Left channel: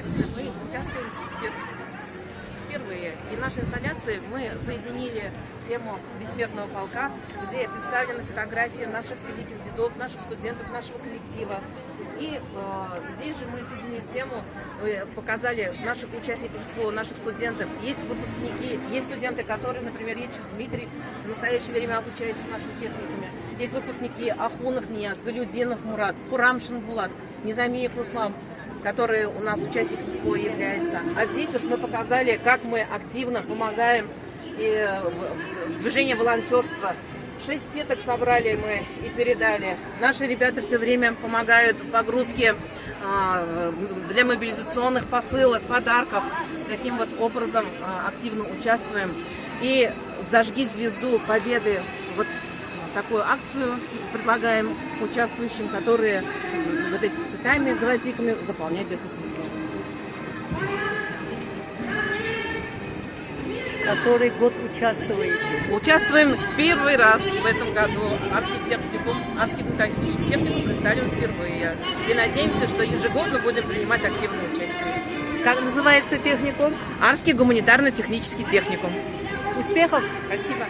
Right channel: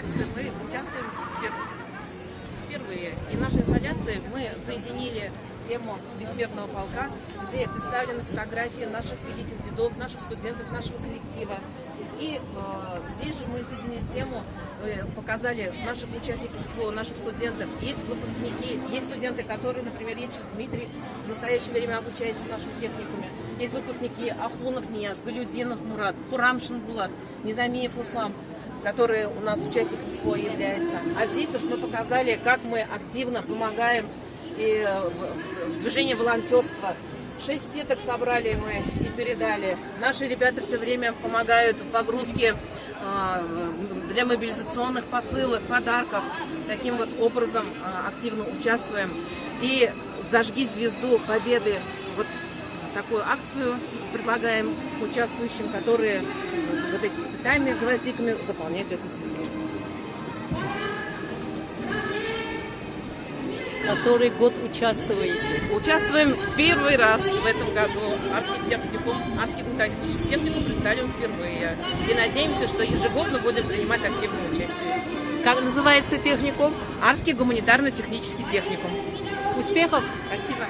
акции мы участвуем впервые. И нашей инсталляции мы соединили тему бессмертного полка, где представлены фотографии наших великих дедов, наших студентов, нашего коллектива. И здесь же мы соединили тему, показали наших участников СВО, наших студентов. Есть выпускники, есть студенты, которые, например, Ечев Дмитрий в настоящее время обучается в нашем техникуме. Есть выпускники Ахунов Нияз, Галюдинов Мурат, Курамшин Булат, Низамиев Руслан, которые у нас участником СВО являются. А здесь уж мы показали, как мы активно помогаем и в движении волонтерства. 6 сеток собрали мы и передали. Наши ребята все время помогают в погрузке для мобилизационных посылок, подарков. Таким вот образом активно участвуем. И «Зажги звезду Победы». Вот такую акцию предлагаем участвующим, которые вот этими цветами, гвоздиками заполняют эту звезду. Который год участвуете? Участвуем первый раз в этом году. Арский техникум, Арский гуманитарно-технический техникум представлен впервые. И надеемся, что ежегодно будем принимать активное участие. Как называется техникум? Арский гуманитарно-технический техникум. Успехов! Спасибо.